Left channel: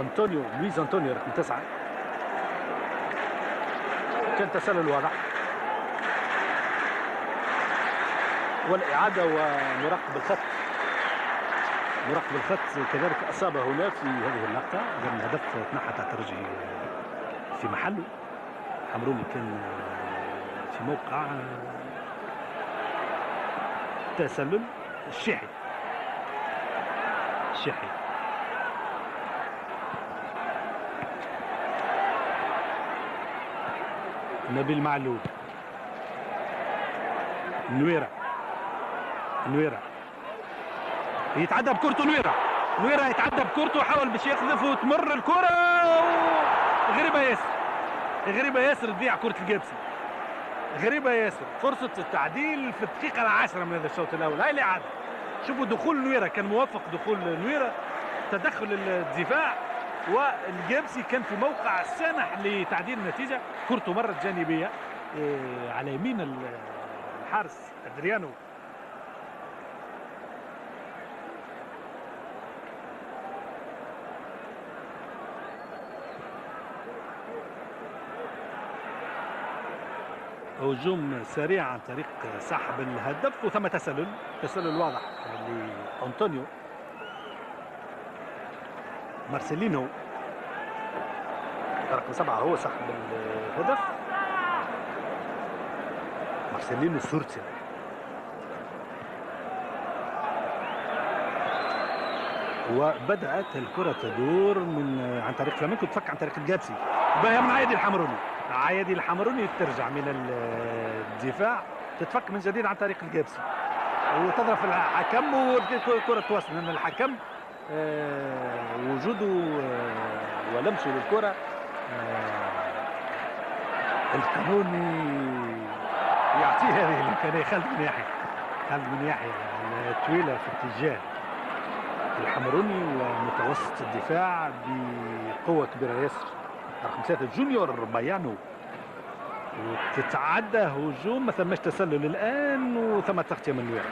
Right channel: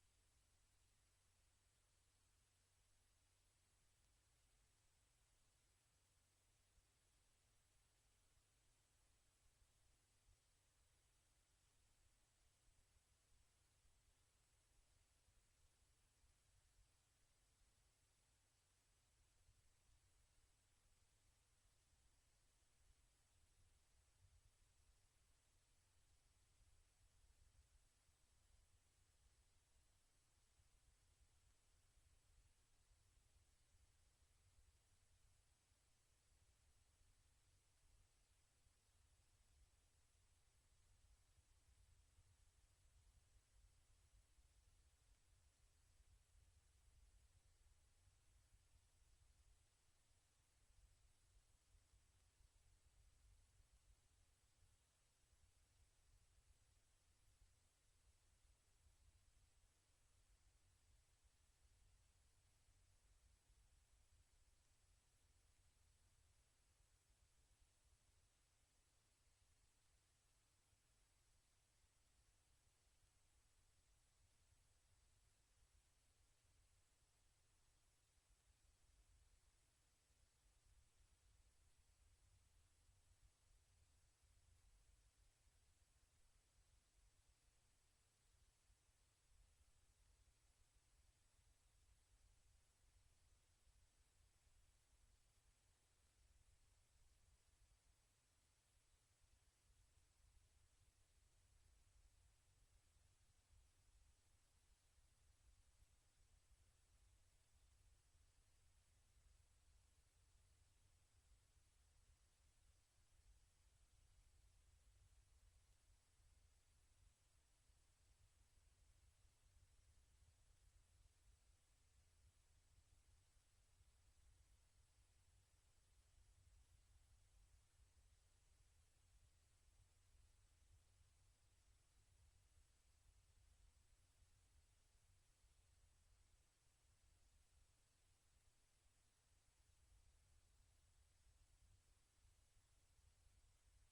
أنطونيو، لويز أنطونيو رقم 9. كان تسلل واضح، والإعادة ومراقب الخط. مراقب الخط كذلك أصاب هنا في هذه اللقطة، لأن الهدف تنحى تحت الترجي في محله. حمروني كان في موقع تسلل. الشيحي نبيل معلول، نويرة يتعدى بكورته. نويرة يتعدى بكورته، حاول باش يخلف وتمر الكرة غريبة ياسر تضيع كرة الجابسي. غريبة ياسر، فرصة التعديل في الدقيقة العاشرة من هذا الشوط الأول. هاي الإعادة، شوفوا دخول نويرة، كان موفق دخول نويرة، تدخل الدفاع، والجابسي كان في موقع سانح لتعديل النتيجة. كرته مرت جانبية على يمين الحارس أدريانو. هجوم سريع عن طريق سحب الهدف، وثم تسلل واضح لأنطونيو. مارسيلينو رقم 7 هو سحب الهدف. مارسيلينو سورتي، وبدأت الكرة تدور عن طريق فلامينكو، تفك عن طريق الجابسي، باهي من عايدي الحمروني ترجع من الدفاع، تتفك من جديد عن طريق الجابسي، وتضرب الحكم، والكرة توصل، لأن الحكم وجوده ولمسه للكرة القانوني يعطيه هذه الإمكانية. خالد بن يحيى الطويلة في اتجاه الحمروني، ومتوسط الدفاع بقوة كبيرة ياسر رقم 3 جونيور بايانو، وتتعدى هجوم، ما ثماش تسلل الآن، وثم تغطية من نويرة.